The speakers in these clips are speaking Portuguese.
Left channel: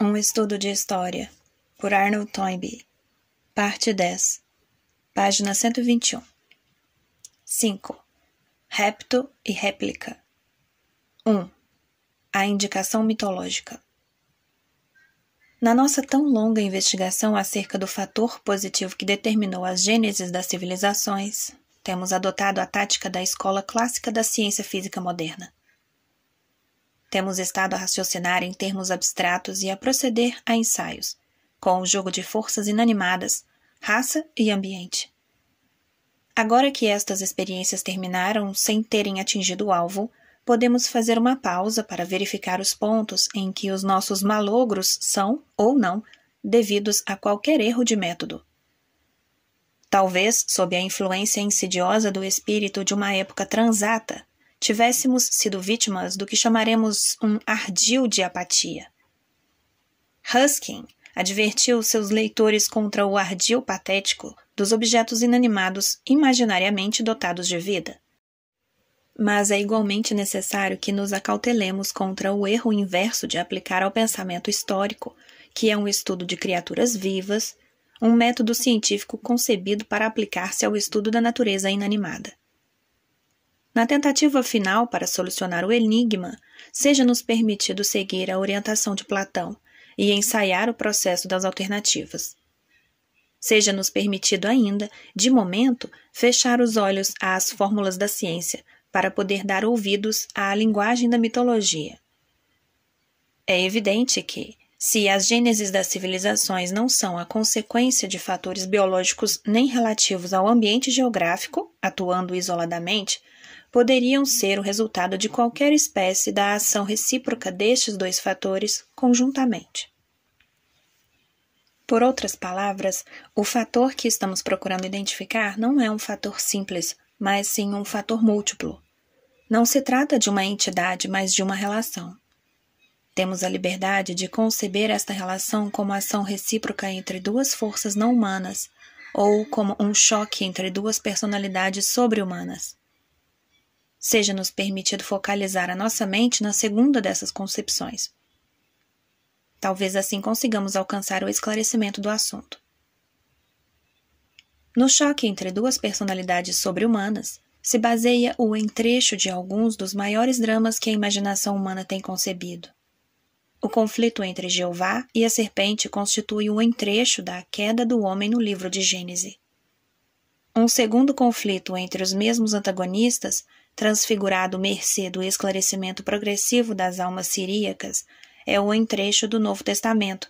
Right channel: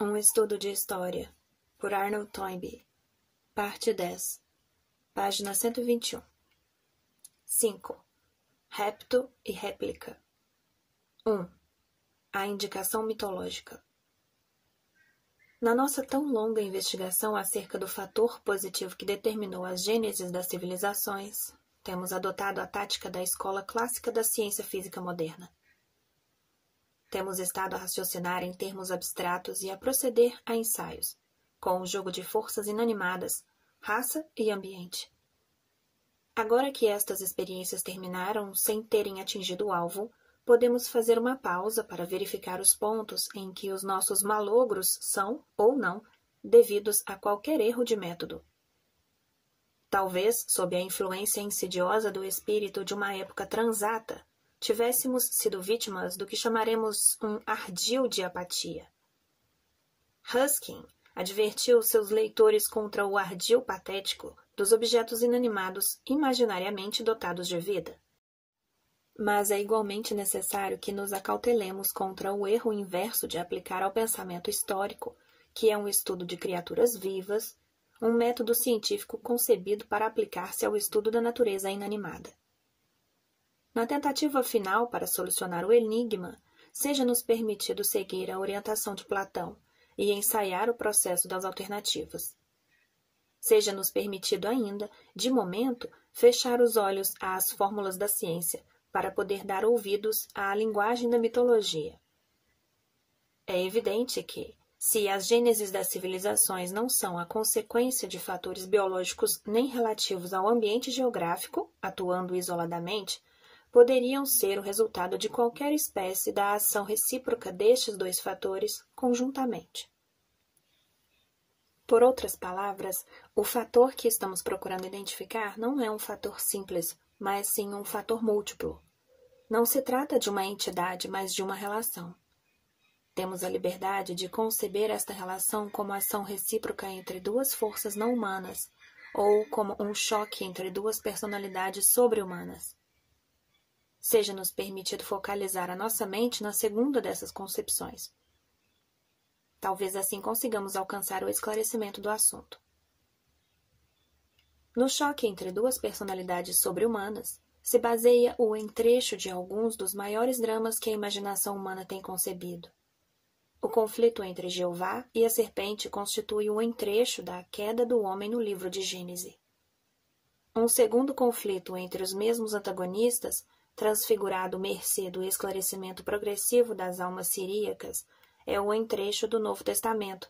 Um estudo de história, por Arnold Toynbee, parte 10, página 121. 5. Repto e réplica. 1. A indicação mitológica. Na nossa tão longa investigação acerca do fator positivo que determinou as gêneses das civilizações, temos adotado a tática da escola clássica da ciência física moderna. Temos estado a raciocinar em termos abstratos e a proceder a ensaios, com o jogo de forças inanimadas, raça e ambiente. Agora que estas experiências terminaram sem terem atingido o alvo, podemos fazer uma pausa para verificar os pontos em que os nossos malogros são, ou não, devidos a qualquer erro de método. Talvez, sob a influência insidiosa do espírito de uma época transata, tivéssemos sido vítimas do que chamaremos um ardil de apatia. Ruskin advertiu seus leitores contra o ardil patético dos objetos inanimados imaginariamente dotados de vida. Mas é igualmente necessário que nos acautelemos contra o erro inverso de aplicar ao pensamento histórico, que é um estudo de criaturas vivas, um método científico concebido para aplicar-se ao estudo da natureza inanimada. Na tentativa final para solucionar o enigma, seja-nos permitido seguir a orientação de Platão e ensaiar o processo das alternativas. Seja-nos permitido ainda, de momento, fechar os olhos às fórmulas da ciência para poder dar ouvidos à linguagem da mitologia. É evidente que, se as gêneses das civilizações não são a consequência de fatores biológicos nem relativos ao ambiente geográfico, atuando isoladamente, poderiam ser o resultado de qualquer espécie da ação recíproca destes dois fatores conjuntamente. Por outras palavras, o fator que estamos procurando identificar não é um fator simples, mas sim um fator múltiplo. Não se trata de uma entidade, mas de uma relação. Temos a liberdade de conceber esta relação como ação recíproca entre duas forças não humanas, ou como um choque entre duas personalidades sobre-humanas. Seja-nos permitido focalizar a nossa mente na segunda dessas concepções. Talvez assim consigamos alcançar o esclarecimento do assunto. No choque entre duas personalidades sobre-humanas, se baseia o entrecho de alguns dos maiores dramas que a imaginação humana tem concebido. O conflito entre Jeová e a serpente constitui o entrecho da queda do homem no livro de Gênese. Um segundo conflito entre os mesmos antagonistas, transfigurado mercê do esclarecimento progressivo das almas siríacas, é o entrecho do Novo Testamento,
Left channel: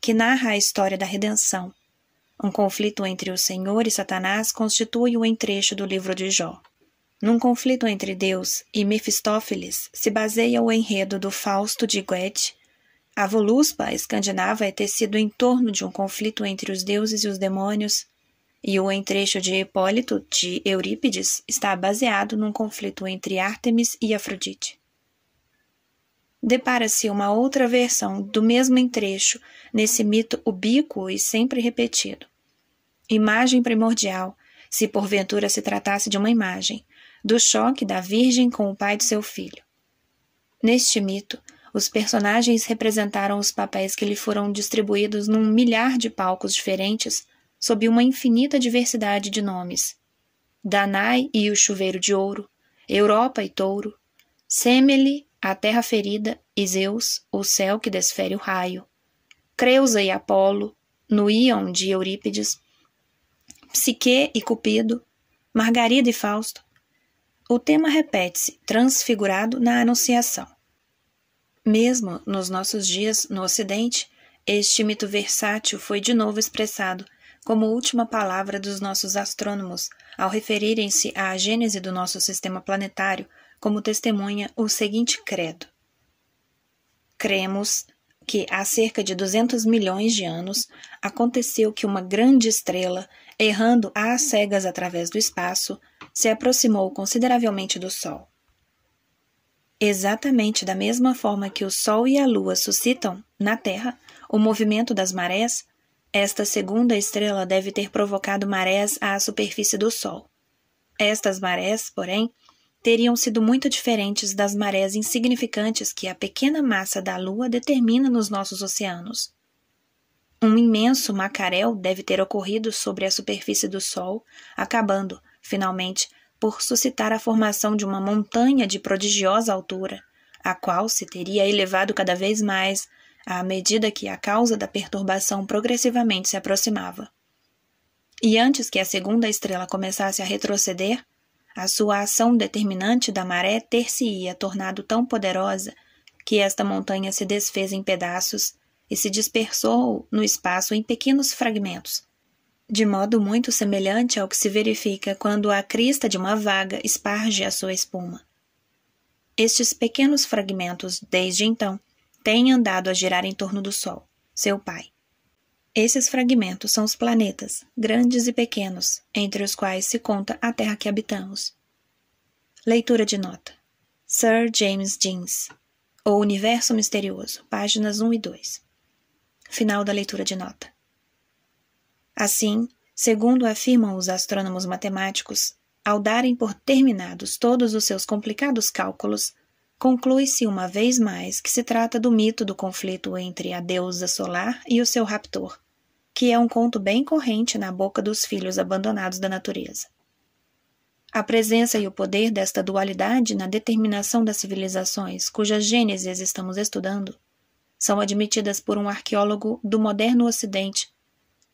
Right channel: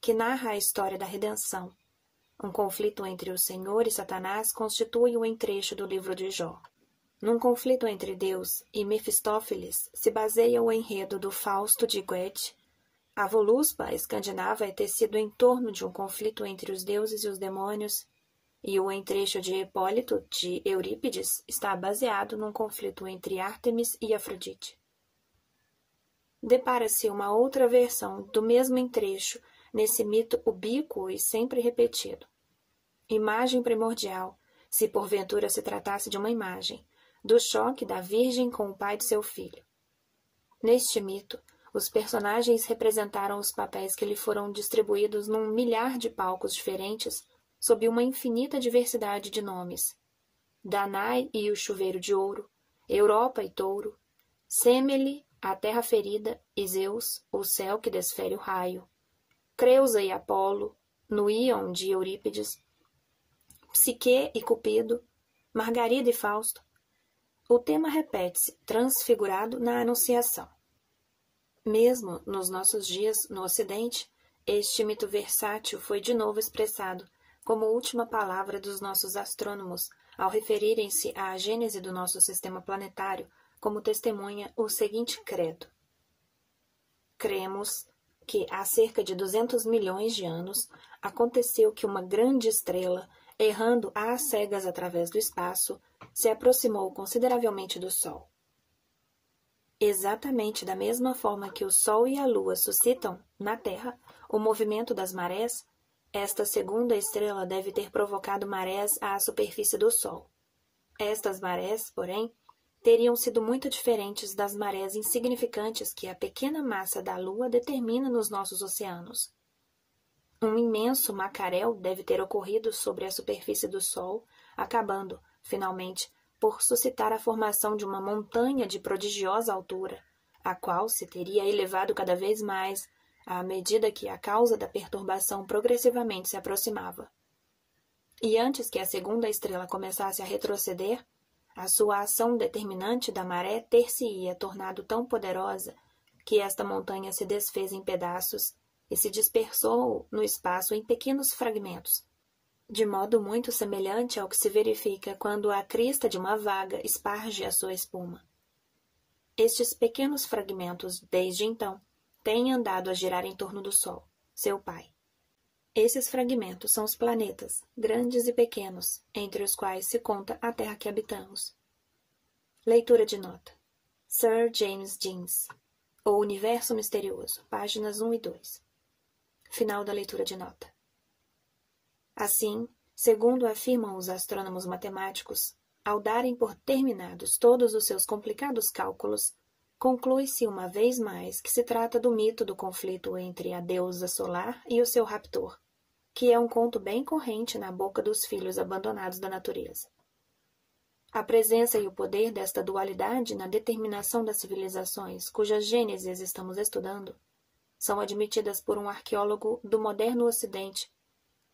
que narra a história da redenção. Um conflito entre o Senhor e Satanás constitui o entrecho do livro de Jó. Num conflito entre Deus e Mefistófeles se baseia o enredo do Fausto de Goethe. A Voluspa escandinava é tecido em torno de um conflito entre os deuses e os demônios, e o entrecho de Hipólito, de Eurípides, está baseado num conflito entre Ártemis e Afrodite. Depara-se uma outra versão do mesmo entrecho nesse mito ubíquo e sempre repetido. Imagem primordial, se porventura se tratasse de uma imagem, do choque da Virgem com o pai de seu filho. Neste mito, os personagens representaram os papéis que lhe foram distribuídos num milhar de palcos diferentes, sob uma infinita diversidade de nomes. Danae e o chuveiro de ouro, Europa e touro, Semele, a terra ferida, e Zeus, o céu que desfere o raio, Creusa e Apolo, no Íon de Eurípides, Psique e Cupido, Margarida e Fausto. O tema repete-se, transfigurado na Anunciação. Mesmo nos nossos dias, no Ocidente, este mito versátil foi de novo expressado como última palavra dos nossos astrônomos ao referirem-se à gênese do nosso sistema planetário, como testemunha o seguinte credo. Cremos que há cerca de 200 milhões de anos aconteceu que uma grande estrela, errando às cegas através do espaço, se aproximou consideravelmente do Sol. Exatamente da mesma forma que o Sol e a Lua suscitam, na Terra, o movimento das marés, esta segunda estrela deve ter provocado marés à superfície do Sol. Estas marés, porém, teriam sido muito diferentes das marés insignificantes que a pequena massa da Lua determina nos nossos oceanos. Um imenso macaréu deve ter ocorrido sobre a superfície do Sol, acabando, finalmente, por suscitar a formação de uma montanha de prodigiosa altura, a qual se teria elevado cada vez mais à medida que a causa da perturbação progressivamente se aproximava. E antes que a segunda estrela começasse a retroceder, a sua ação determinante da maré ter-se-ia tornado tão poderosa que esta montanha se desfez em pedaços e se dispersou no espaço em pequenos fragmentos, de modo muito semelhante ao que se verifica quando a crista de uma vaga esparge a sua espuma. Estes pequenos fragmentos, desde então, têm andado a girar em torno do Sol, seu pai. Esses fragmentos são os planetas, grandes e pequenos, entre os quais se conta a Terra que habitamos. Leitura de nota. Sir James Jeans, O Universo Misterioso, páginas 1 e 2. Final da leitura de nota. Assim, segundo afirmam os astrônomos matemáticos, ao darem por terminados todos os seus complicados cálculos, conclui-se uma vez mais que se trata do mito do conflito entre a deusa solar e o seu raptor, que é um conto bem corrente na boca dos filhos abandonados da natureza. A presença e o poder desta dualidade na determinação das civilizações cuja gênesis estamos estudando são admitidas por um arqueólogo do moderno Ocidente,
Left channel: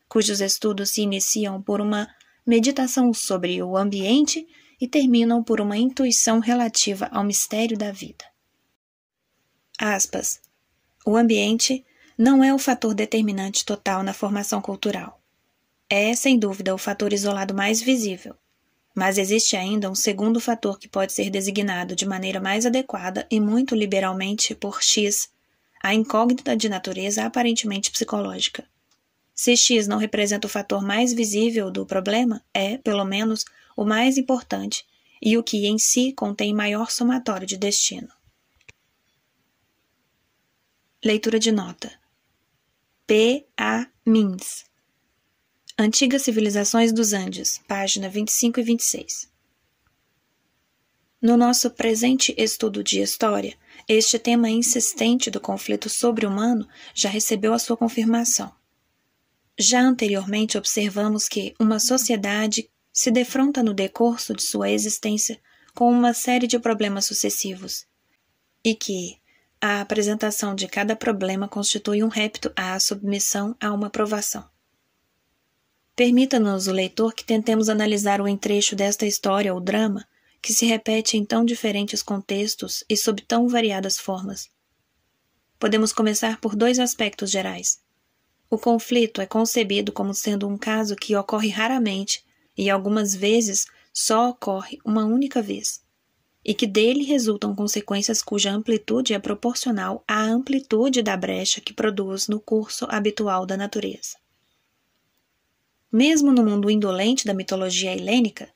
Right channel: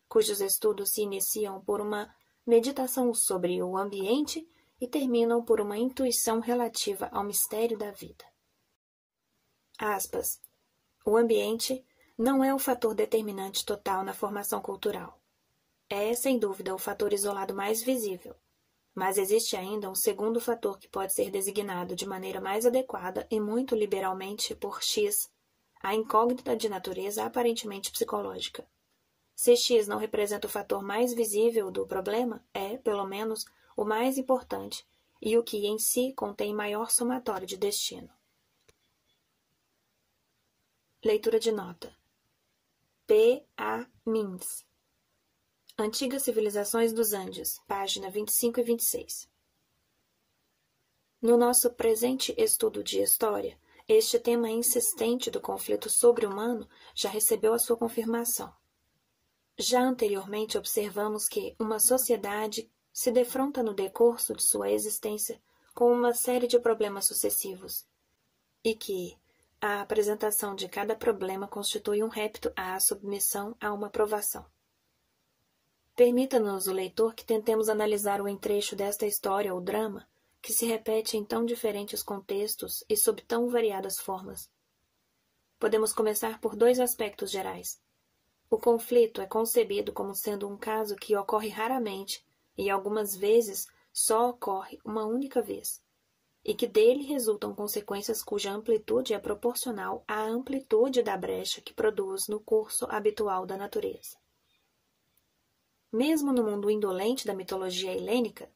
cujos estudos se iniciam por uma meditação sobre o ambiente e terminam por uma intuição relativa ao mistério da vida. Aspas. O ambiente não é o fator determinante total na formação cultural. É, sem dúvida, o fator isolado mais visível, mas existe ainda um segundo fator que pode ser designado de maneira mais adequada e muito liberalmente por X, a incógnita de natureza aparentemente psicológica. Se X não representa o fator mais visível do problema, é, pelo menos, o mais importante e o que em si contém maior somatório de destino. Leitura de nota. P. A. Mins. Antigas Civilizações dos Andes, página 25 e 26. No nosso presente estudo de história, este tema insistente do conflito sobre-humano já recebeu a sua confirmação. Já anteriormente observamos que uma sociedade se defronta no decurso de sua existência com uma série de problemas sucessivos, e que a apresentação de cada problema constitui um repto à submissão a uma provação. Permita-nos, o leitor, que tentemos analisar o entrecho desta história ou drama que se repete em tão diferentes contextos e sob tão variadas formas. Podemos começar por dois aspectos gerais. O conflito é concebido como sendo um caso que ocorre raramente e algumas vezes só ocorre uma única vez, e que dele resultam consequências cuja amplitude é proporcional à amplitude da brecha que produz no curso habitual da natureza. Mesmo no mundo indolente da mitologia helênica,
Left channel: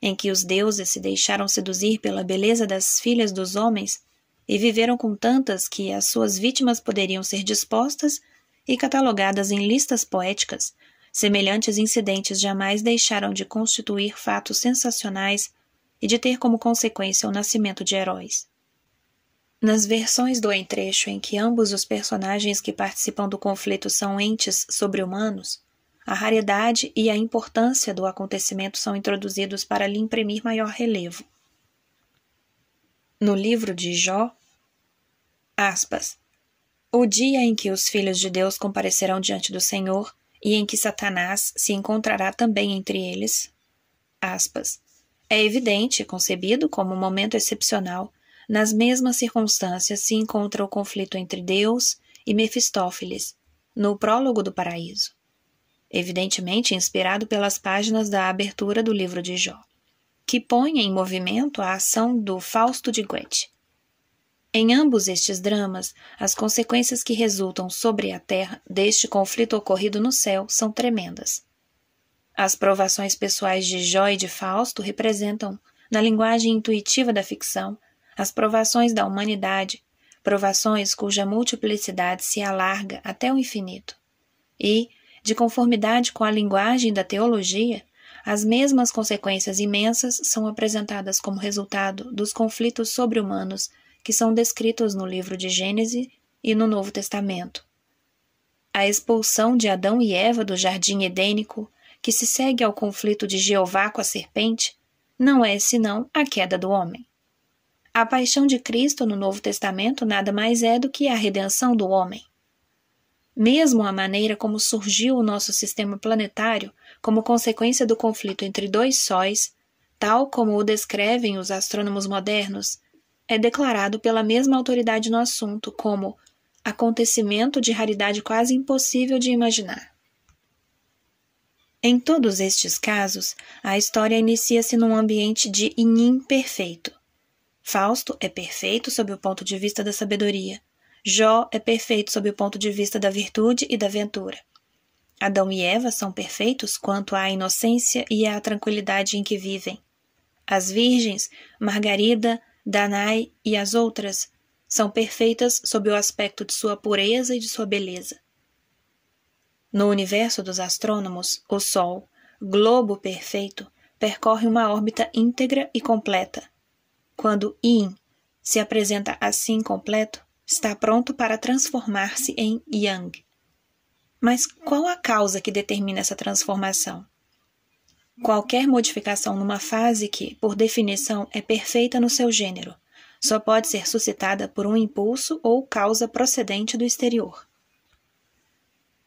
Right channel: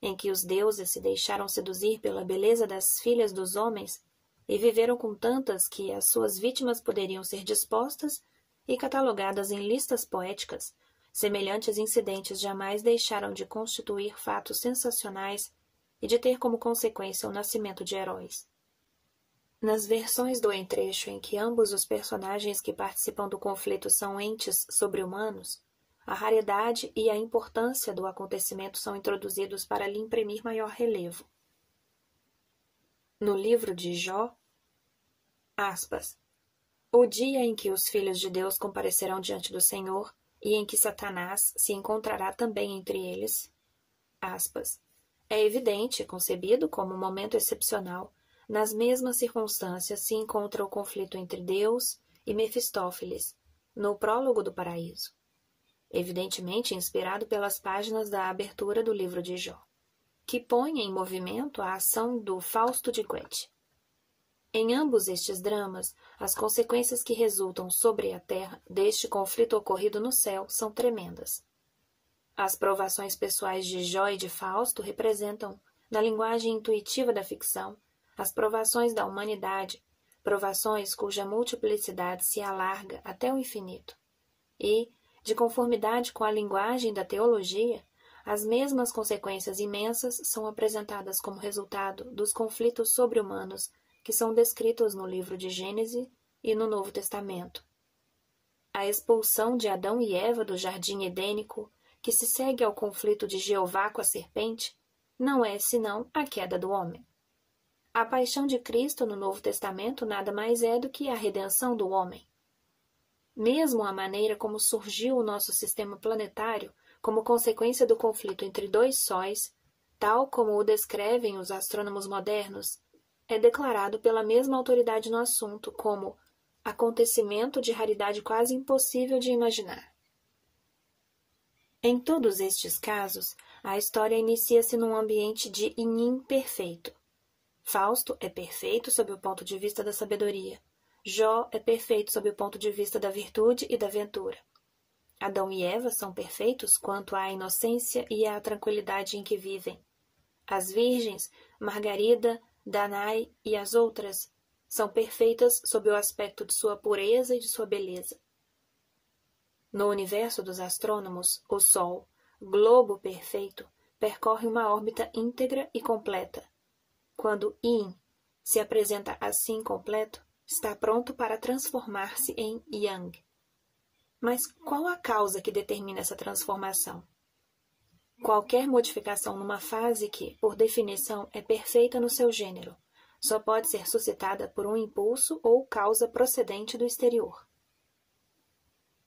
em que os deuses se deixaram seduzir pela beleza das filhas dos homens e viveram com tantas que as suas vítimas poderiam ser dispostas e catalogadas em listas poéticas, semelhantes incidentes jamais deixaram de constituir fatos sensacionais e de ter como consequência o nascimento de heróis. Nas versões do entrecho em que ambos os personagens que participam do conflito são entes sobre-humanos, a raridade e a importância do acontecimento são introduzidos para lhe imprimir maior relevo. No livro de Jó, aspas, o dia em que os filhos de Deus comparecerão diante do Senhor e em que Satanás se encontrará também entre eles, aspas, é evidente, concebido como um momento excepcional, nas mesmas circunstâncias se encontra o conflito entre Deus e Mefistófeles, no prólogo do Paraíso, evidentemente inspirado pelas páginas da abertura do livro de Jó, que põe em movimento a ação do Fausto de Goethe. Em ambos estes dramas, as consequências que resultam sobre a Terra deste conflito ocorrido no céu são tremendas. As provações pessoais de Jó e de Fausto representam, na linguagem intuitiva da ficção, as provações da humanidade, provações cuja multiplicidade se alarga até o infinito. E, de conformidade com a linguagem da teologia, as mesmas consequências imensas são apresentadas como resultado dos conflitos sobre-humanos que são descritos no livro de Gênesis e no Novo Testamento. A expulsão de Adão e Eva do jardim edênico, que se segue ao conflito de Jeová com a serpente, não é senão a queda do homem. A paixão de Cristo no Novo Testamento nada mais é do que a redenção do homem. Mesmo a maneira como surgiu o nosso sistema planetário como consequência do conflito entre dois sóis, tal como o descrevem os astrônomos modernos, é declarado pela mesma autoridade no assunto como acontecimento de raridade quase impossível de imaginar. Em todos estes casos, a história inicia-se num ambiente de yin perfeito. Fausto é perfeito sob o ponto de vista da sabedoria. Jó é perfeito sob o ponto de vista da virtude e da ventura. Adão e Eva são perfeitos quanto à inocência e à tranquilidade em que vivem. As virgens, Margarida, Danae e as outras, são perfeitas sob o aspecto de sua pureza e de sua beleza. No universo dos astrônomos, o Sol, globo perfeito, percorre uma órbita íntegra e completa. Quando Yin se apresenta assim completo, está pronto para transformar-se em Yang. Mas qual a causa que determina essa transformação? Qualquer modificação numa fase que, por definição, é perfeita no seu gênero, só pode ser suscitada por um impulso ou causa procedente do exterior.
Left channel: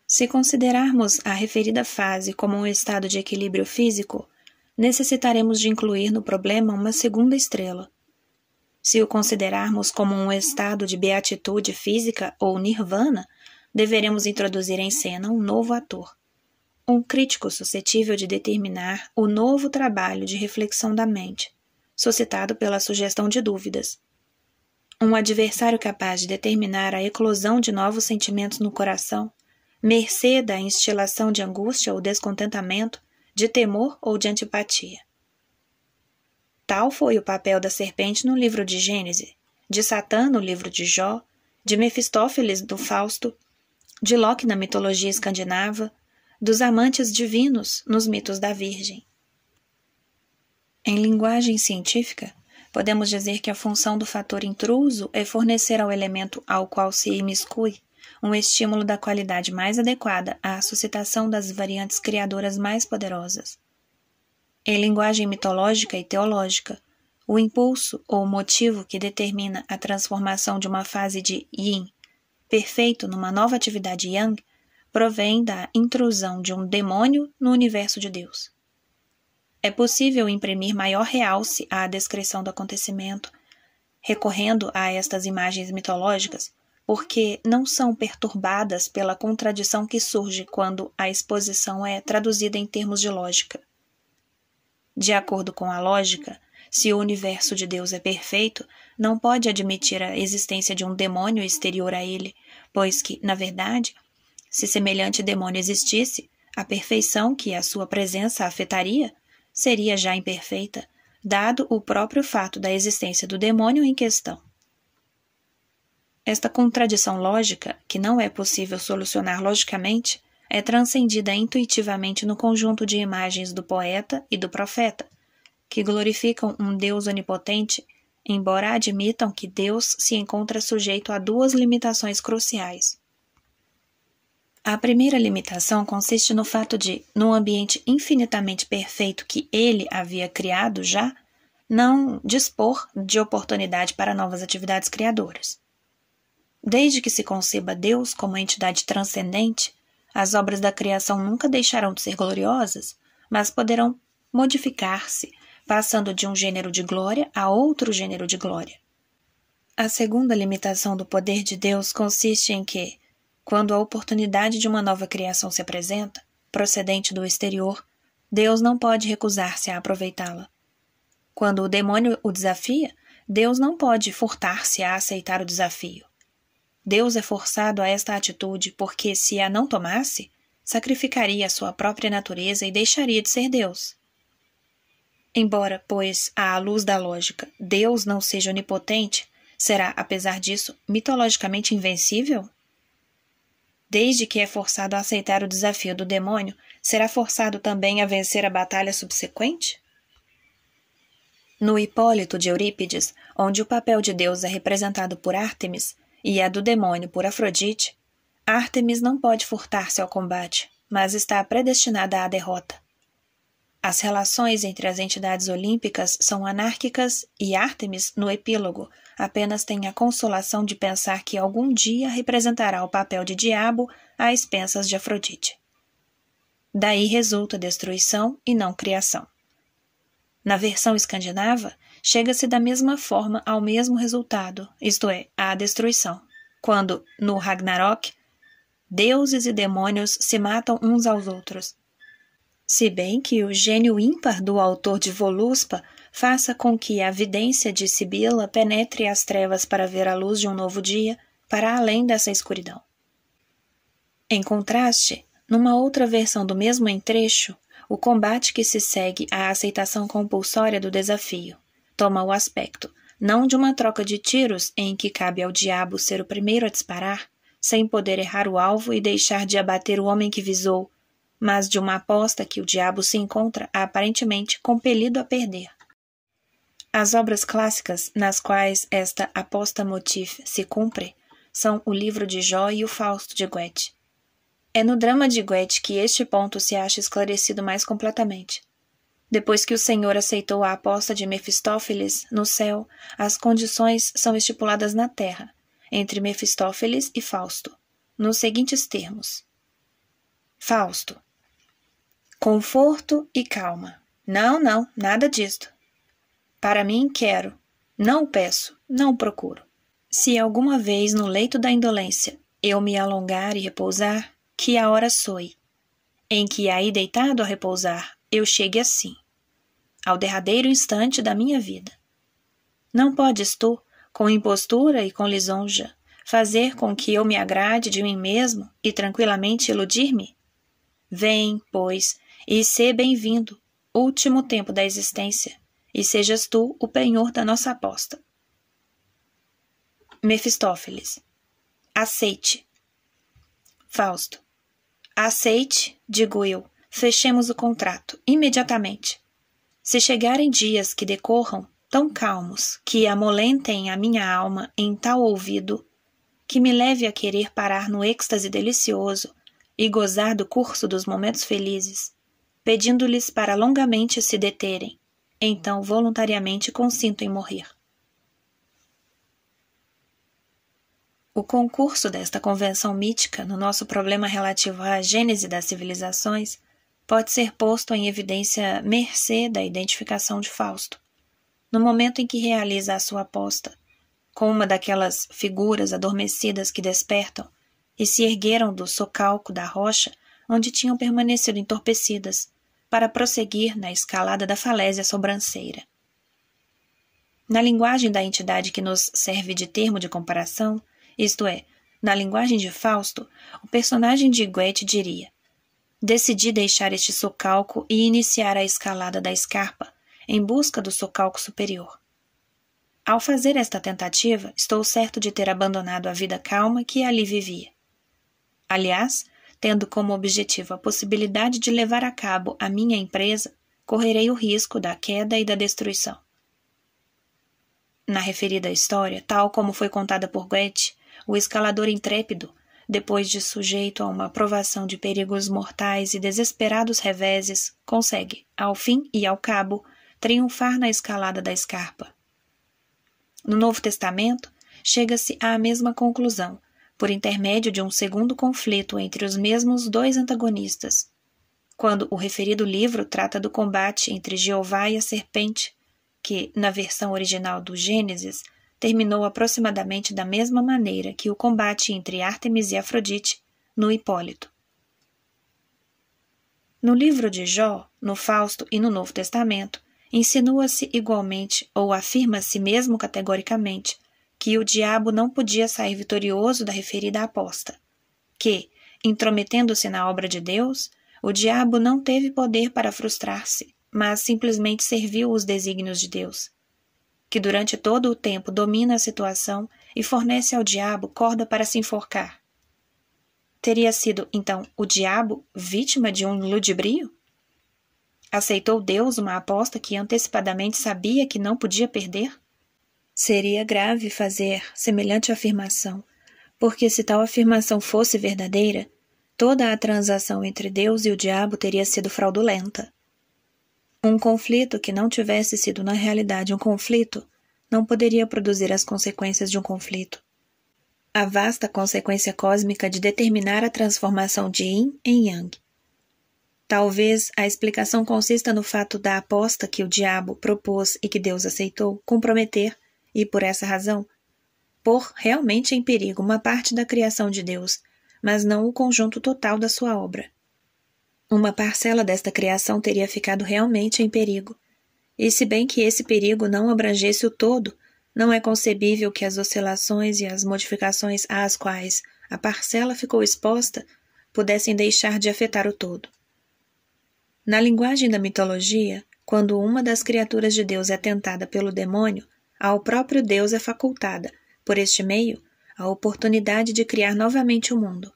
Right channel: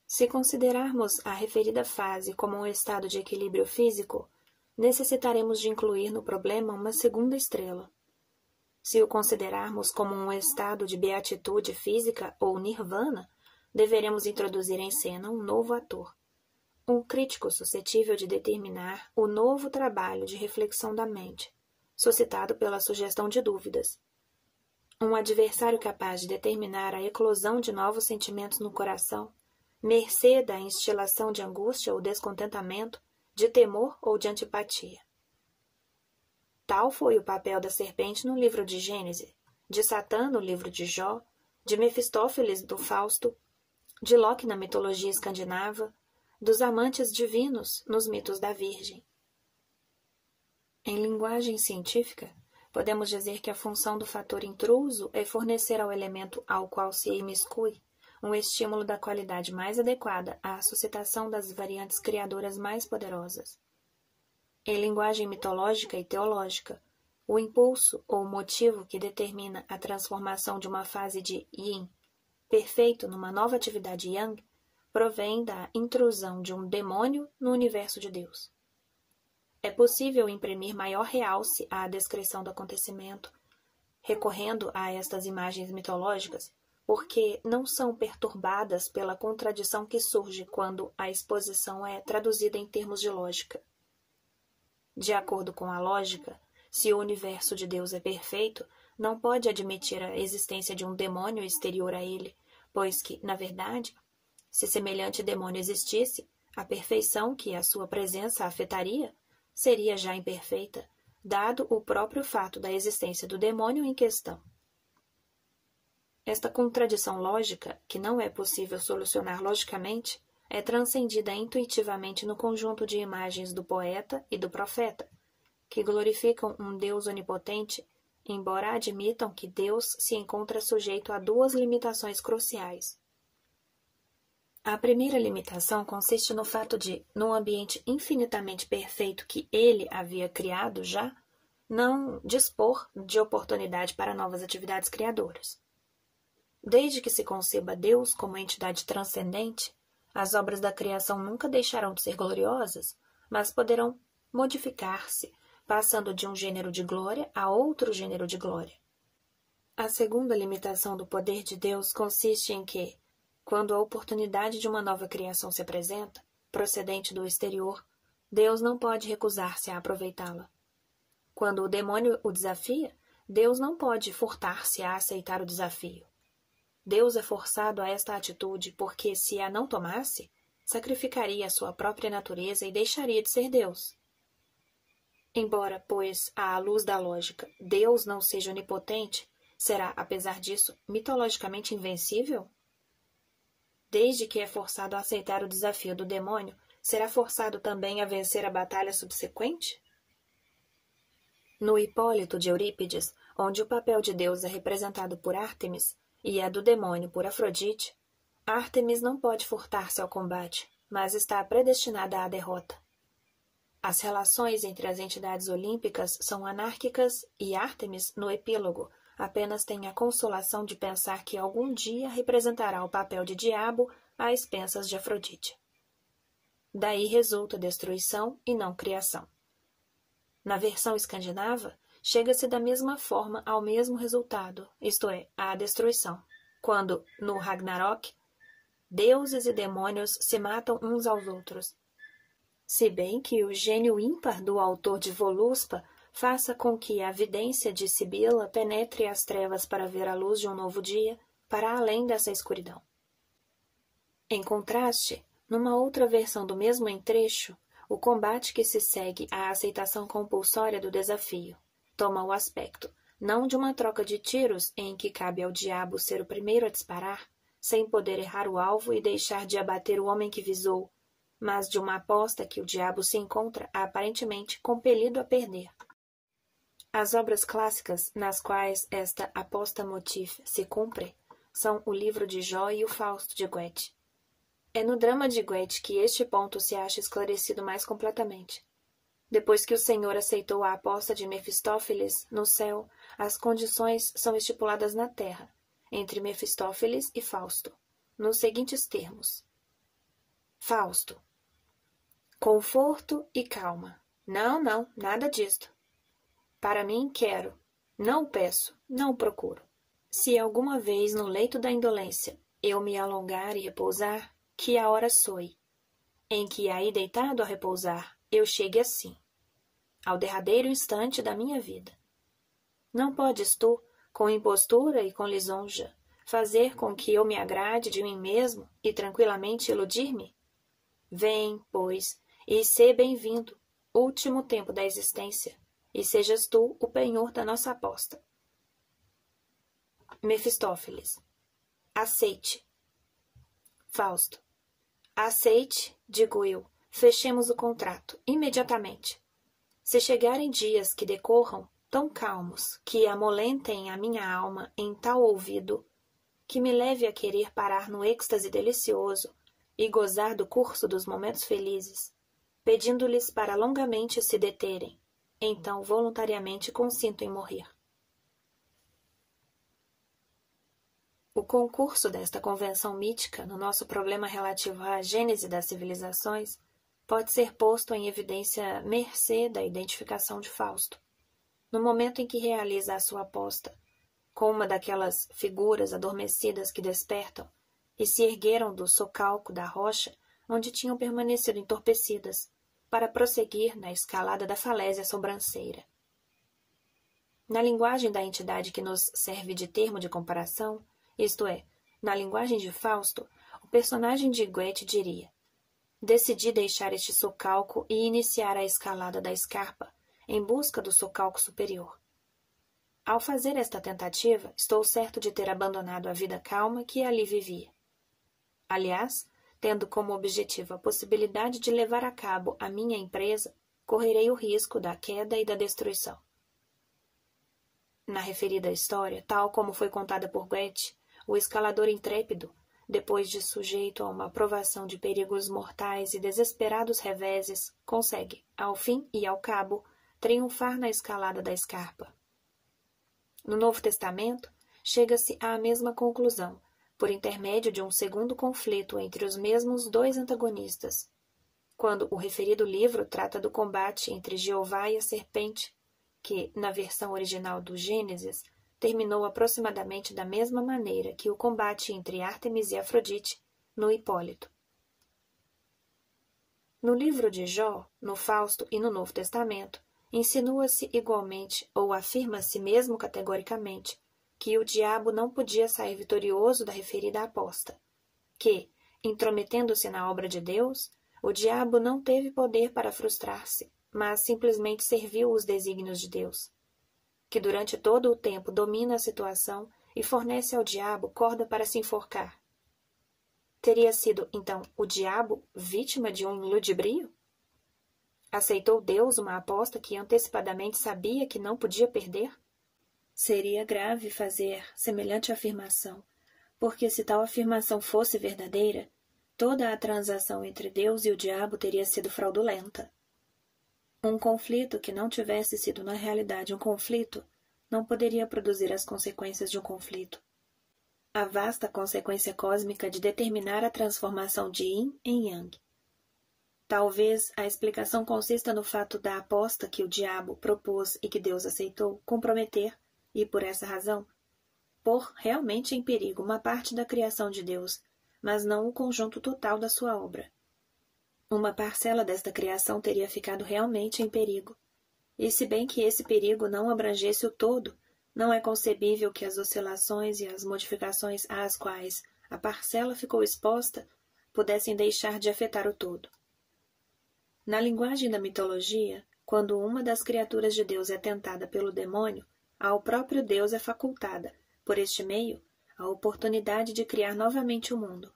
Se considerarmos a referida fase como um estado de equilíbrio físico, necessitaremos de incluir no problema uma segunda estrela. Se o considerarmos como um estado de beatitude física ou nirvana, deveremos introduzir em cena um novo ator, um crítico suscetível de determinar o novo trabalho de reflexão da mente, suscitado pela sugestão de dúvidas. Um adversário capaz de determinar a eclosão de novos sentimentos no coração, mercê da instilação de angústia ou descontentamento, de temor ou de antipatia. Tal foi o papel da serpente no livro de Gênesis, de Satã no livro de Jó, de Mefistófeles do Fausto, de Loki na mitologia escandinava, dos amantes divinos nos mitos da Virgem. Em linguagem científica, podemos dizer que a função do fator intruso é fornecer ao elemento ao qual se imiscui um estímulo da qualidade mais adequada à suscitação das variantes criadoras mais poderosas. Em linguagem mitológica e teológica, o impulso ou motivo que determina a transformação de uma fase de yin perfeito numa nova atividade yang provém da intrusão de um demônio no universo de Deus. É possível imprimir maior realce à descrição do acontecimento, recorrendo a estas imagens mitológicas, porque não são perturbadas pela contradição que surge quando a exposição é traduzida em termos de lógica. De acordo com a lógica, se o universo de Deus é perfeito, não pode admitir a existência de um demônio exterior a ele, pois que, na verdade, se semelhante demônio existisse, a perfeição que a sua presença afetaria seria já imperfeita, dado o próprio fato da existência do demônio em questão. Esta contradição lógica, que não é possível solucionar logicamente, é transcendida intuitivamente no conjunto de imagens do poeta e do profeta, que glorificam um Deus onipotente, embora admitam que Deus se encontra sujeito a duas limitações cruciais. A primeira limitação consiste no fato de, num ambiente infinitamente perfeito que ele havia criado já, não dispor de oportunidade para novas atividades criadoras. Desde que se conceba Deus como entidade transcendente, as obras da criação nunca deixarão de ser gloriosas, mas poderão modificar-se, passando de um gênero de glória a outro gênero de glória. A segunda limitação do poder de Deus consiste em que, quando a oportunidade de uma nova criação se apresenta, procedente do exterior, Deus não pode recusar-se a aproveitá-la. Quando o demônio o desafia, Deus não pode furtar-se a aceitar o desafio. Deus é forçado a esta atitude porque, se a não tomasse, sacrificaria a sua própria natureza e deixaria de ser Deus. Embora, pois, à luz da lógica, Deus não seja onipotente, será, apesar disso, mitologicamente invencível? desde que é forçado a aceitar o desafio do demônio, será forçado também a vencer a batalha subsequente? No Hipólito de Eurípides, onde o papel de Deus é representado por Ártemis e a do demônio por Afrodite, Ártemis não pode furtar-se ao combate, mas está predestinada à derrota. As relações entre as entidades olímpicas são anárquicas e Ártemis, no epílogo, apenas tem a consolação de pensar que algum dia representará o papel de diabo às expensas de Afrodite. Daí resulta destruição e não criação. Na versão escandinava, chega-se da mesma forma ao mesmo resultado, isto é, à destruição, quando, no Ragnarok, deuses e demônios se matam uns aos outros. Se bem que o gênio ímpar do autor de Voluspa faça com que a vidência de Sibila penetre as trevas para ver a luz de um novo dia, para além dessa escuridão. Em contraste, numa outra versão do mesmo entrecho, o combate que se segue à aceitação compulsória do desafio toma o aspecto, não de uma troca de tiros em que cabe ao diabo ser o primeiro a disparar, sem poder errar o alvo e deixar de abater o homem que visou, mas de uma aposta que o diabo se encontra aparentemente compelido a perder. As obras clássicas nas quais esta aposta motif se cumpre são o livro de Jó e o Fausto de Goethe. É no drama de Goethe que este ponto se acha esclarecido mais completamente. Depois que o Senhor aceitou a aposta de Mefistófeles no céu, as condições são estipuladas na terra, entre Mefistófeles e Fausto, nos seguintes termos. Fausto. Conforto e calma. Não, nada disto. Para mim, quero. Não o peço, não o procuro. Se alguma vez no leito da indolência eu me alongar e repousar, que a hora soe, em que aí deitado a repousar, eu chegue assim, ao derradeiro instante da minha vida. Não podes tu, com impostura e com lisonja, fazer com que eu me agrade de mim mesmo e tranquilamente iludir-me? Vem, pois, e sê bem-vindo, último tempo da existência, e sejas tu o penhor da nossa aposta. Mefistófeles. Aceite. Fausto. Aceite, digo eu, fechemos o contrato, imediatamente. Se chegarem dias que decorram tão calmos, que amolentem a minha alma em tal ouvido, que me leve a querer parar no êxtase delicioso e gozar do curso dos momentos felizes, pedindo-lhes para longamente se deterem, então voluntariamente consinto em morrer. O concurso desta convenção mítica no nosso problema relativo à gênese das civilizações pode ser posto em evidência mercê da identificação de Fausto, no momento em que realiza a sua aposta, com uma daquelas figuras adormecidas que despertam e se ergueram do socalco da rocha onde tinham permanecido entorpecidas, para prosseguir na escalada da falésia sobranceira. Na linguagem da entidade que nos serve de termo de comparação, isto é, na linguagem de Fausto, o personagem de Goethe diria: decidi deixar este socalco e iniciar a escalada da escarpa, em busca do socalco superior. Ao fazer esta tentativa, estou certo de ter abandonado a vida calma que ali vivia. Aliás, tendo como objetivo a possibilidade de levar a cabo a minha empresa, correrei o risco da queda e da destruição. Na referida história, tal como foi contada por Goethe, o escalador intrépido, depois de sujeito a uma provação de perigos mortais e desesperados reveses, consegue, ao fim e ao cabo, triunfar na escalada da escarpa. No Novo Testamento, chega-se à mesma conclusão, por intermédio de um segundo conflito entre os mesmos dois antagonistas, quando o referido livro trata do combate entre Jeová e a serpente, que, na versão original do Gênesis, terminou aproximadamente da mesma maneira que o combate entre Ártemis e Afrodite no Hipólito. No livro de Jó, no Fausto e no Novo Testamento, insinua-se igualmente, ou afirma-se mesmo categoricamente, que o diabo não podia sair vitorioso da referida aposta, que, intrometendo-se na obra de Deus, o diabo não teve poder para frustrar-se, mas simplesmente serviu os desígnios de Deus, que durante todo o tempo domina a situação e fornece ao diabo corda para se enforcar. Teria sido, então, o diabo vítima de um ludibrio? Aceitou Deus uma aposta que antecipadamente sabia que não podia perder? Seria grave fazer semelhante afirmação, porque se tal afirmação fosse verdadeira, toda a transação entre Deus e o diabo teria sido fraudulenta. Um conflito que não tivesse sido na realidade um conflito não poderia produzir as consequências de um conflito. A vasta consequência cósmica de determinar a transformação de Yin em Yang. Talvez a explicação consista no fato da aposta que o diabo propôs e que Deus aceitou comprometer, e por essa razão, pôr realmente em perigo uma parte da criação de Deus, mas não o conjunto total da sua obra. Uma parcela desta criação teria ficado realmente em perigo, e se bem que esse perigo não abrangesse o todo, não é concebível que as oscilações e as modificações às quais a parcela ficou exposta pudessem deixar de afetar o todo. Na linguagem da mitologia, quando uma das criaturas de Deus é tentada pelo demônio, ao próprio Deus é facultada, por este meio, a oportunidade de criar novamente o mundo.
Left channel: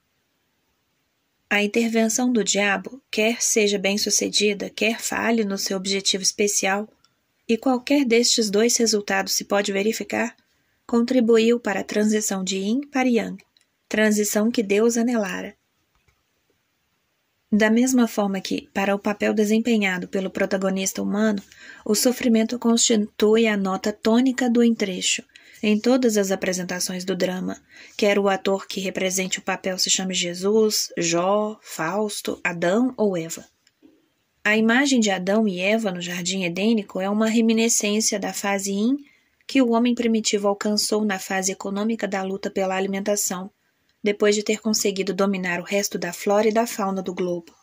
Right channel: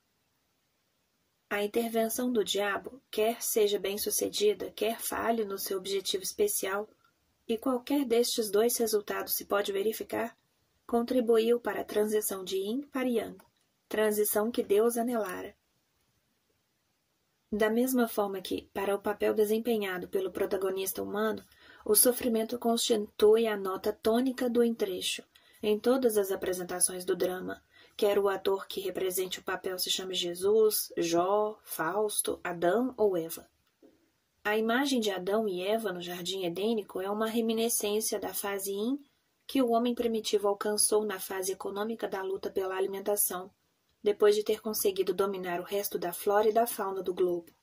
A intervenção do diabo, quer seja bem-sucedida, quer falhe no seu objetivo especial, e qualquer destes dois resultados se pode verificar, contribuiu para a transição de Yin para Yang, transição que Deus anelara. Da mesma forma que, para o papel desempenhado pelo protagonista humano, o sofrimento constitui a nota tônica do entrecho, em todas as apresentações do drama, quer o ator que represente o papel se chame Jesus, Jó, Fausto, Adão ou Eva. A imagem de Adão e Eva no jardim edênico é uma reminiscência da fase Yin que o homem primitivo alcançou na fase econômica da luta pela alimentação, depois de ter conseguido dominar o resto da flora e da fauna do globo.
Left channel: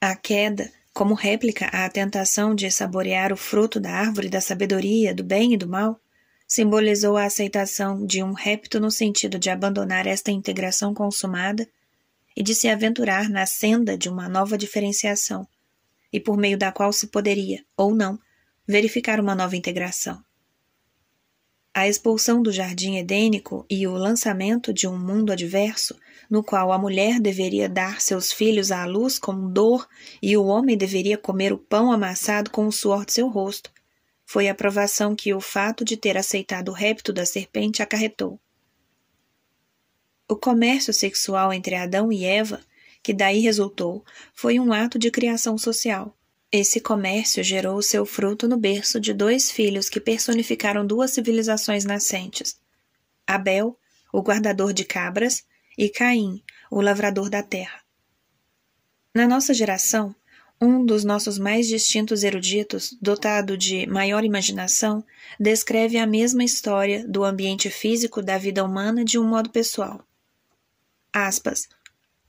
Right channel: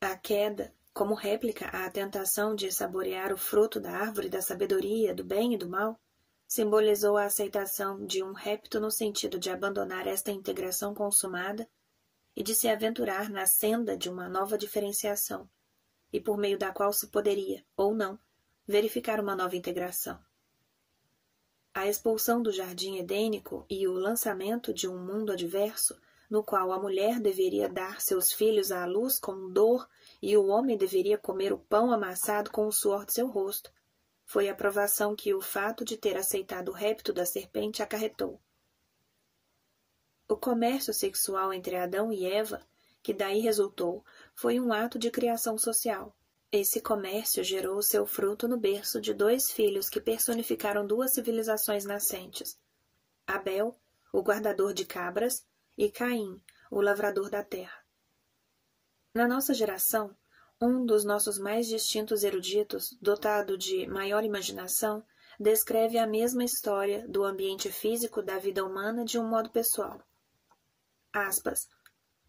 A queda, como réplica à tentação de saborear o fruto da árvore da sabedoria, do bem e do mal, simbolizou a aceitação de um repto no sentido de abandonar esta integração consumada e de se aventurar na senda de uma nova diferenciação, e por meio da qual se poderia, ou não, verificar uma nova integração. A expulsão do jardim edênico e o lançamento de um mundo adverso, no qual a mulher deveria dar seus filhos à luz com dor e o homem deveria comer o pão amassado com o suor de seu rosto, foi a provação que o fato de ter aceitado o repto da serpente acarretou. O comércio sexual entre Adão e Eva, que daí resultou, foi um ato de criação social. Esse comércio gerou o seu fruto no berço de dois filhos que personificaram duas civilizações nascentes: Abel, o guardador de cabras, e Caim, o lavrador da terra. Na nossa geração, um dos nossos mais distintos eruditos, dotado de maior imaginação, descreve a mesma história do ambiente físico da vida humana de um modo pessoal. Aspas.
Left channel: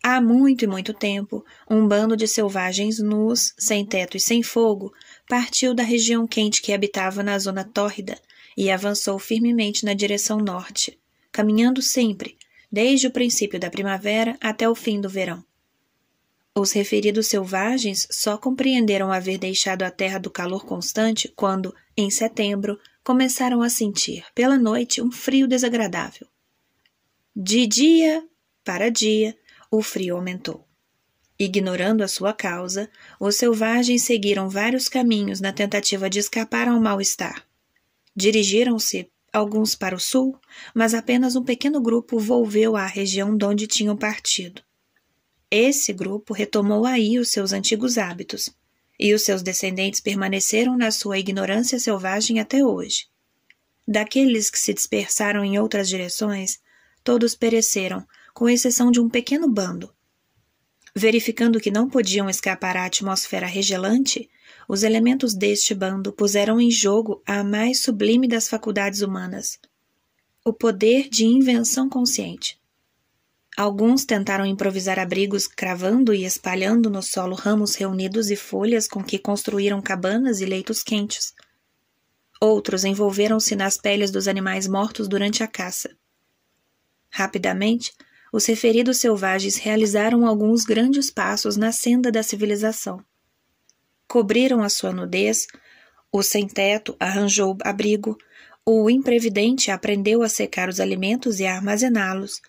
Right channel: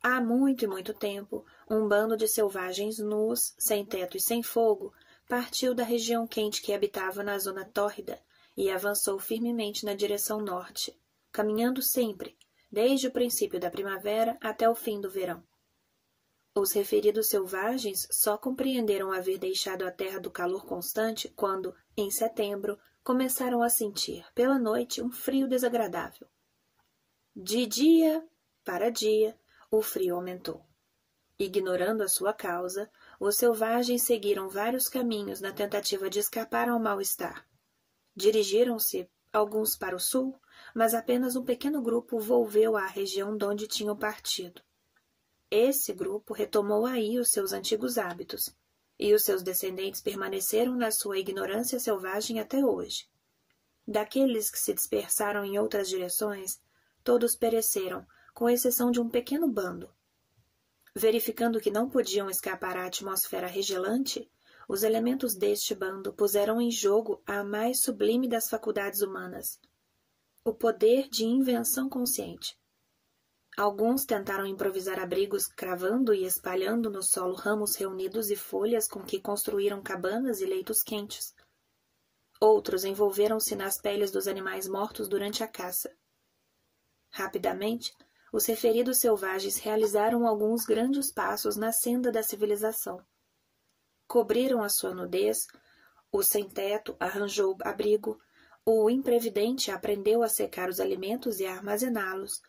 Há muito e muito tempo, um bando de selvagens nus, sem teto e sem fogo, partiu da região quente que habitava na zona tórrida e avançou firmemente na direção norte, caminhando sempre, desde o princípio da primavera até o fim do verão. Os referidos selvagens só compreenderam haver deixado a terra do calor constante quando, em setembro, começaram a sentir, pela noite, um frio desagradável. De dia para dia, o frio aumentou. Ignorando a sua causa, os selvagens seguiram vários caminhos na tentativa de escapar ao mal-estar. Dirigiram-se alguns para o sul, mas apenas um pequeno grupo volveu à região de onde tinham partido. Esse grupo retomou aí os seus antigos hábitos, e os seus descendentes permaneceram na sua ignorância selvagem até hoje. Daqueles que se dispersaram em outras direções, todos pereceram, com exceção de um pequeno bando. Verificando que não podiam escapar à atmosfera regelante, os elementos deste bando puseram em jogo a mais sublime das faculdades humanas, o poder de invenção consciente. Alguns tentaram improvisar abrigos cravando e espalhando no solo ramos reunidos e folhas com que construíram cabanas e leitos quentes. Outros envolveram-se nas peles dos animais mortos durante a caça. Rapidamente, os referidos selvagens realizaram alguns grandes passos na senda da civilização. Cobriram a sua nudez, o sem-teto arranjou abrigo, o imprevidente aprendeu a secar os alimentos e a armazená-los,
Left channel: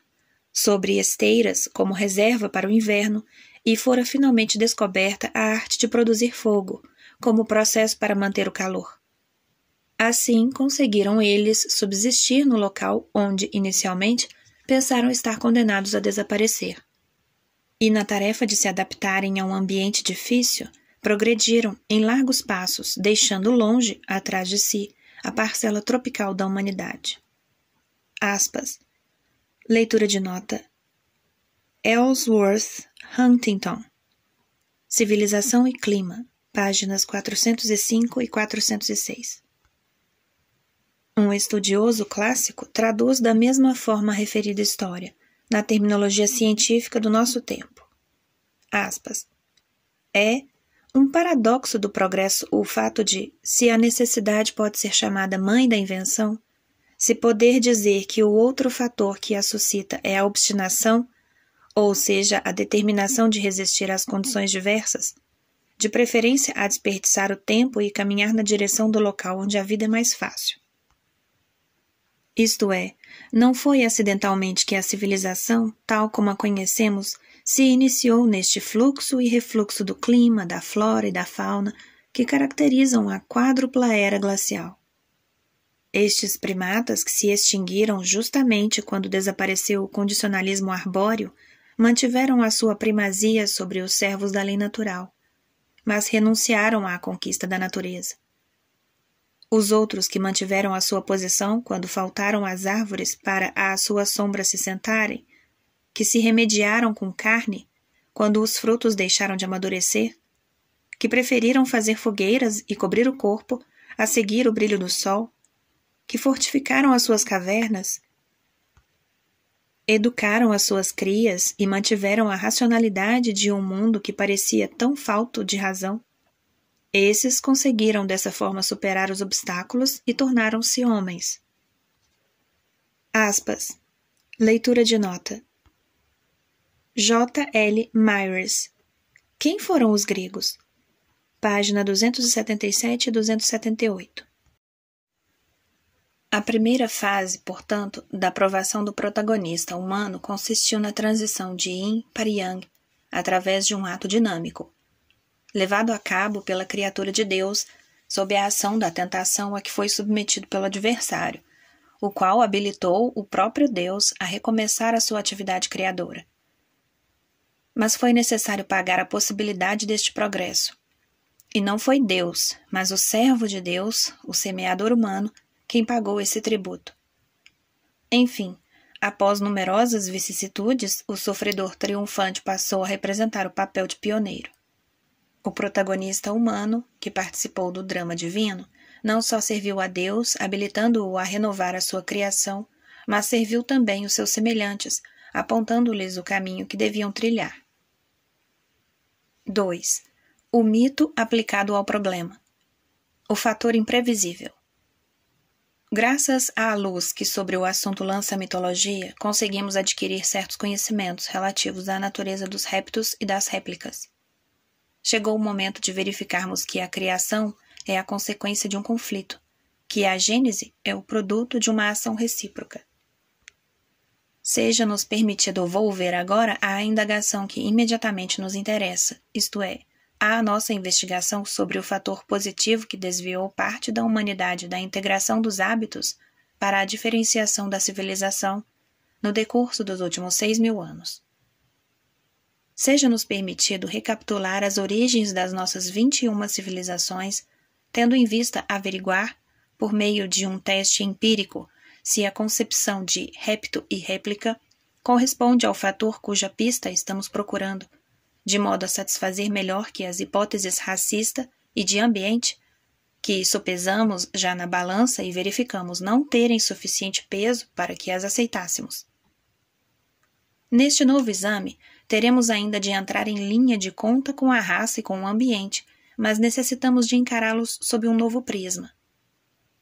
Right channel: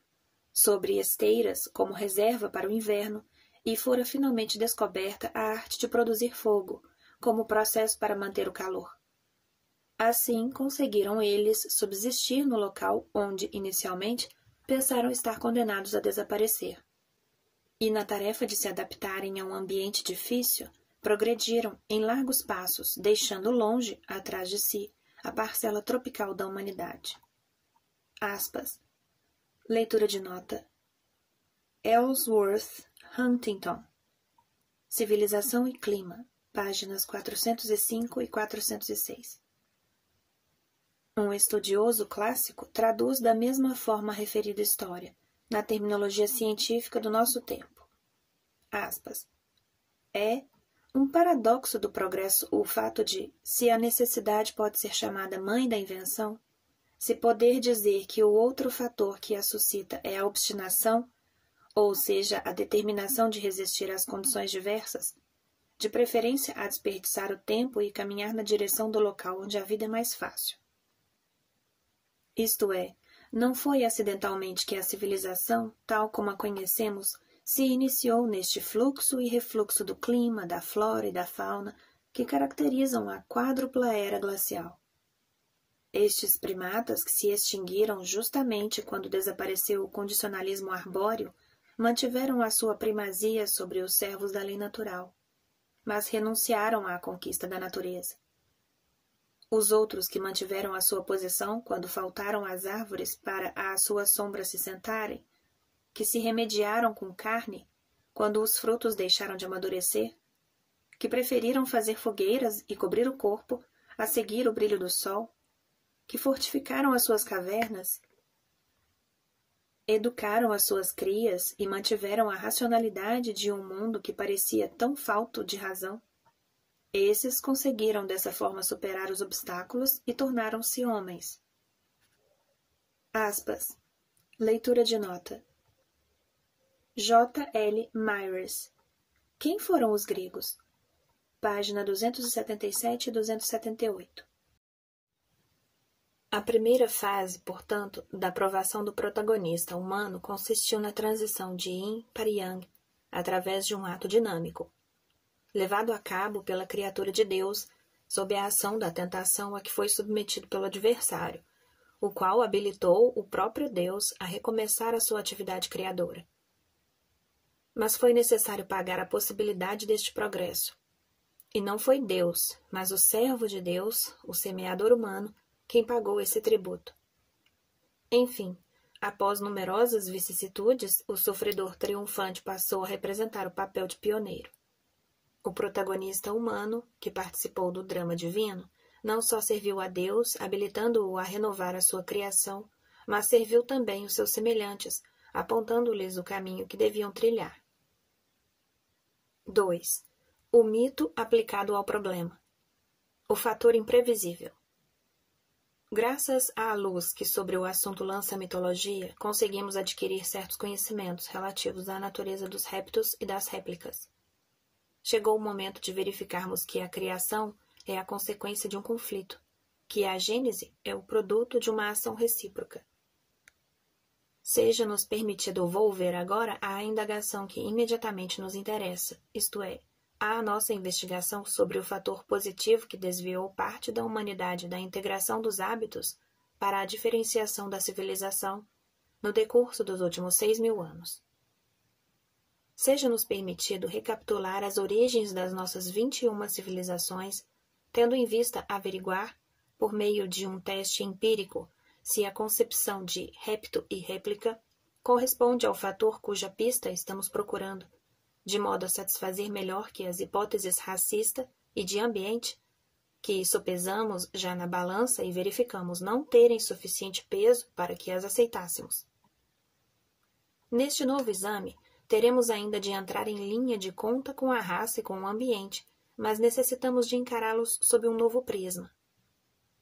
sobre esteiras como reserva para o inverno, e fora finalmente descoberta a arte de produzir fogo, como processo para manter o calor. Assim, conseguiram eles subsistir no local onde, inicialmente, pensaram estar condenados a desaparecer. E na tarefa de se adaptarem a um ambiente difícil, progrediram em largos passos, deixando longe, atrás de si, a parcela tropical da humanidade. Aspas. Leitura de nota. Ellsworth Huntington. Civilização e Clima, páginas 405 e 406. Um estudioso clássico traduz da mesma forma a referida história, na terminologia científica do nosso tempo. Aspas. É um paradoxo do progresso o fato de, se a necessidade pode ser chamada mãe da invenção, se poder dizer que o outro fator que a suscita é a obstinação, ou seja, a determinação de resistir às condições diversas, de preferência a desperdiçar o tempo e caminhar na direção do local onde a vida é mais fácil. Isto é, não foi acidentalmente que a civilização, tal como a conhecemos, se iniciou neste fluxo e refluxo do clima, da flora e da fauna que caracterizam a quádrupla era glacial. Estes primatas que se extinguiram justamente quando desapareceu o condicionalismo arbóreo mantiveram a sua primazia sobre os servos da lei natural, mas renunciaram à conquista da natureza. Os outros que mantiveram a sua posição quando faltaram as árvores para à sua sombra se sentarem, que se remediaram com carne quando os frutos deixaram de amadurecer, que preferiram fazer fogueiras e cobrir o corpo a seguir o brilho do sol, que fortificaram as suas cavernas, educaram as suas crias e mantiveram a racionalidade de um mundo que parecia tão falto de razão. Esses conseguiram dessa forma superar os obstáculos e tornaram-se homens. Aspas. Leitura de nota. J. L. Myers. Quem foram os gregos? Página 277 e 278. A primeira fase, portanto, da aprovação do protagonista humano consistiu na transição de yin para yang, através de um ato dinâmico, levado a cabo pela criatura de Deus, sob a ação da tentação a que foi submetido pelo adversário, o qual habilitou o próprio Deus a recomeçar a sua atividade criadora. Mas foi necessário pagar a possibilidade deste progresso. E não foi Deus, mas o servo de Deus, o semeador humano, quem pagou esse tributo. Enfim, após numerosas vicissitudes, o sofredor triunfante passou a representar o papel de pioneiro. O protagonista humano, que participou do drama divino, não só serviu a Deus, habilitando-o a renovar a sua criação, mas serviu também os seus semelhantes, apontando-lhes o caminho que deviam trilhar. 2. O mito aplicado ao problema. O fator imprevisível. Graças à luz que sobre o assunto lança a mitologia, conseguimos adquirir certos conhecimentos relativos à natureza dos réptos e das réplicas. Chegou o momento de verificarmos que a criação é a consequência de um conflito, que a gênese é o produto de uma ação recíproca. Seja-nos permitido volver agora à indagação que imediatamente nos interessa, isto é, à nossa investigação sobre o fator positivo que desviou parte da humanidade da integração dos hábitos para a diferenciação da civilização no decurso dos últimos 6.000 anos. Seja-nos permitido recapitular as origens das nossas 21 civilizações, tendo em vista averiguar, por meio de um teste empírico, se a concepção de repto e réplica corresponde ao fator cuja pista estamos procurando, de modo a satisfazer melhor que as hipóteses racista e de ambiente, que sopesamos já na balança e verificamos não terem suficiente peso para que as aceitássemos. Neste novo exame, teremos ainda de entrar em linha de conta com a raça e com o ambiente, mas necessitamos de encará-los sob um novo prisma.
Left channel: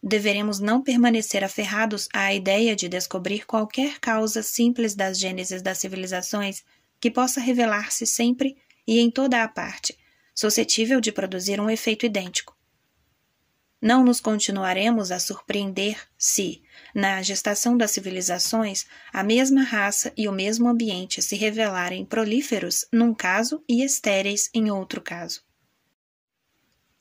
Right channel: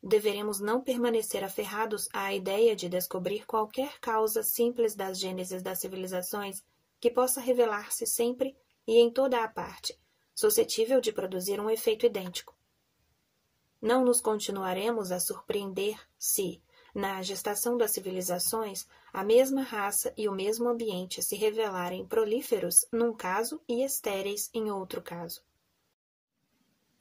Deveremos não permanecer aferrados à ideia de descobrir qualquer causa simples das gêneses das civilizações que possa revelar-se sempre e em toda a parte, suscetível de produzir um efeito idêntico. Não nos continuaremos a surpreender se, na gestação das civilizações, a mesma raça e o mesmo ambiente se revelarem prolíferos num caso e estéreis em outro caso.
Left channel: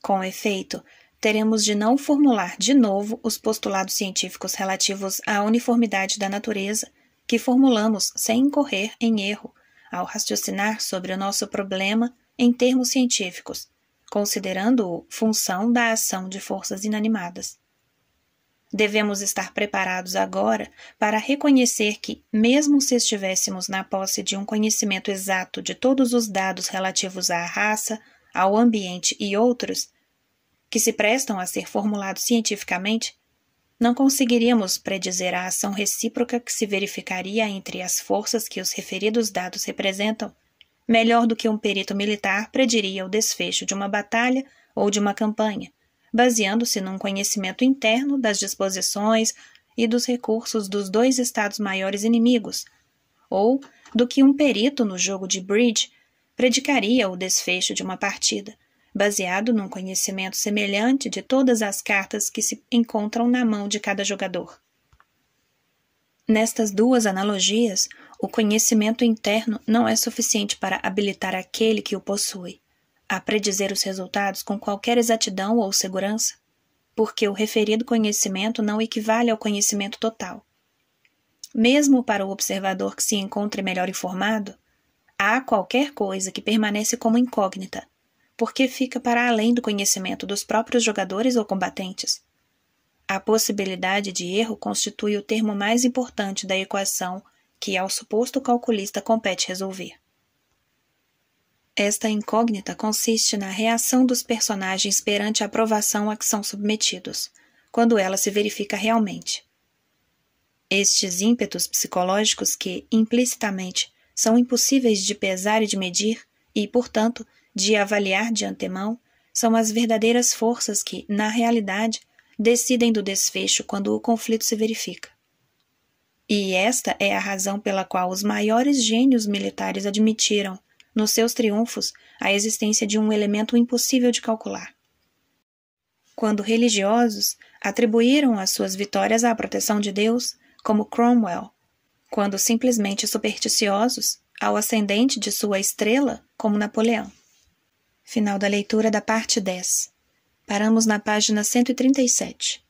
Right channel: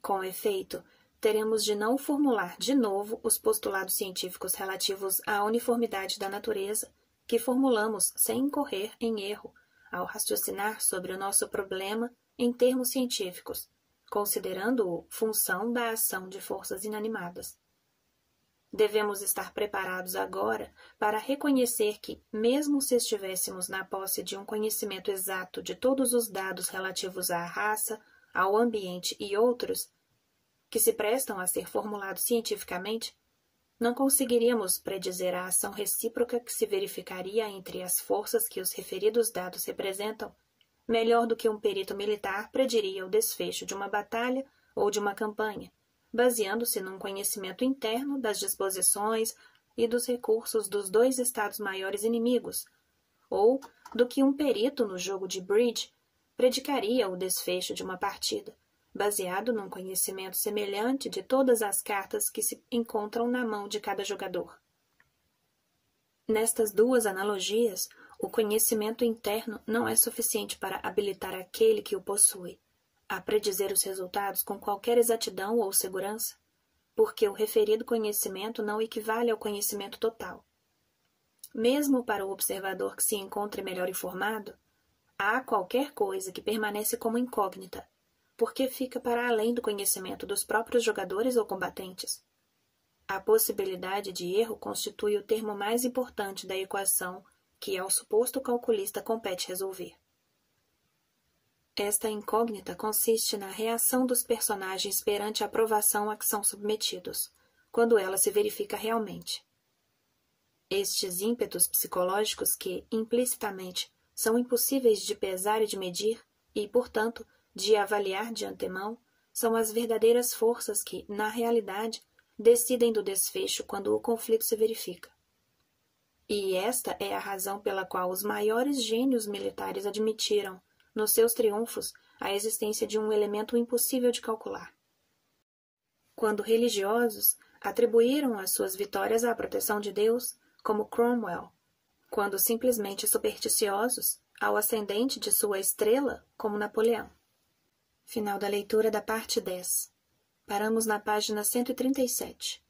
Com efeito, teremos de não formular de novo os postulados científicos relativos à uniformidade da natureza, que formulamos sem incorrer em erro, ao raciocinar sobre o nosso problema em termos científicos, considerando-o função da ação de forças inanimadas. Devemos estar preparados agora para reconhecer que, mesmo se estivéssemos na posse de um conhecimento exato de todos os dados relativos à raça, ao ambiente e outros, que se prestam a ser formulados cientificamente, não conseguiríamos predizer a ação recíproca que se verificaria entre as forças que os referidos dados representam, melhor do que um perito militar prediria o desfecho de uma batalha ou de uma campanha, baseando-se num conhecimento interno das disposições e dos recursos dos dois estados maiores inimigos, ou do que um perito no jogo de bridge predicaria o desfecho de uma partida, baseado num conhecimento semelhante de todas as cartas que se encontram na mão de cada jogador. Nestas duas analogias, o conhecimento interno não é suficiente para habilitar aquele que o possui a predizer os resultados com qualquer exatidão ou segurança, porque o referido conhecimento não equivale ao conhecimento total. Mesmo para o observador que se encontre melhor informado, há qualquer coisa que permanece como incógnita, porque fica para além do conhecimento dos próprios jogadores ou combatentes. A possibilidade de erro constitui o termo mais importante da equação que ao suposto calculista compete resolver. Esta incógnita consiste na reação dos personagens perante a provação a que são submetidos, quando ela se verifica realmente. Estes ímpetos psicológicos que, implicitamente, são impossíveis de pesar e de medir e, portanto, de avaliar de antemão, são as verdadeiras forças que, na realidade, decidem do desfecho quando o conflito se verifica. E esta é a razão pela qual os maiores gênios militares admitiram, nos seus triunfos, a existência de um elemento impossível de calcular. Quando religiosos, atribuíram as suas vitórias à proteção de Deus, como Cromwell, quando simplesmente supersticiosos, ao ascendente de sua estrela, como Napoleão. Final da leitura da parte 10. Paramos na página 137.